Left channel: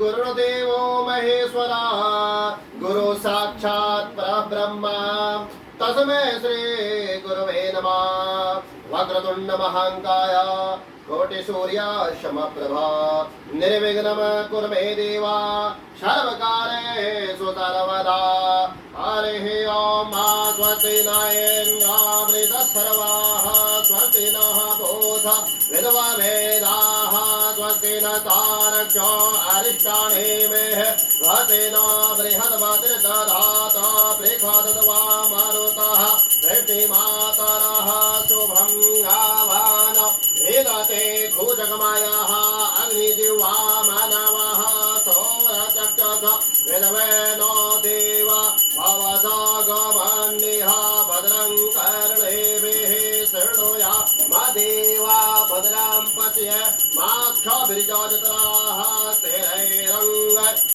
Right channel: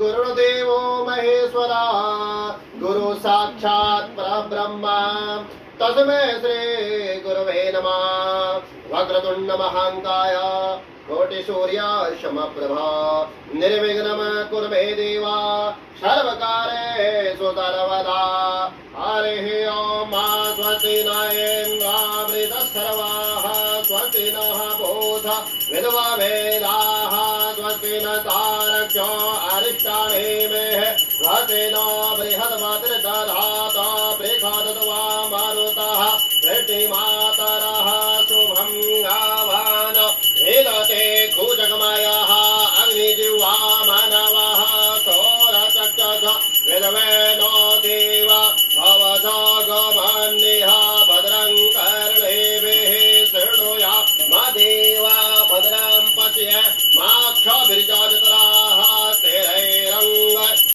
गुरुदेवो महेश्वरा गुरु साक्षात् परब्रह्मा तस्मै श्री गुरवे नमः। वक्रतुंड महाकाय कोटिसूर्य समप्रभा निर्विघ्नं कुरु मे देवा सर्वकार्येषु सर्वदा। हरिः ओम स्वस्ति न इन्द्रो सर्वाः स्वस्ति नः पूषा विद्वा वेदाः स्वस्ति न तारक्ष्यो अरिष्टानेमिः स्वस्ति नो बृहद्वज्रदधाता प्रेखादत्वा मारुतः वृष्टिमातरः शुभं गावान् वेदते कुजगमायः अग्निजिह्वा मानवः सौरचक्षुष वेदवेनो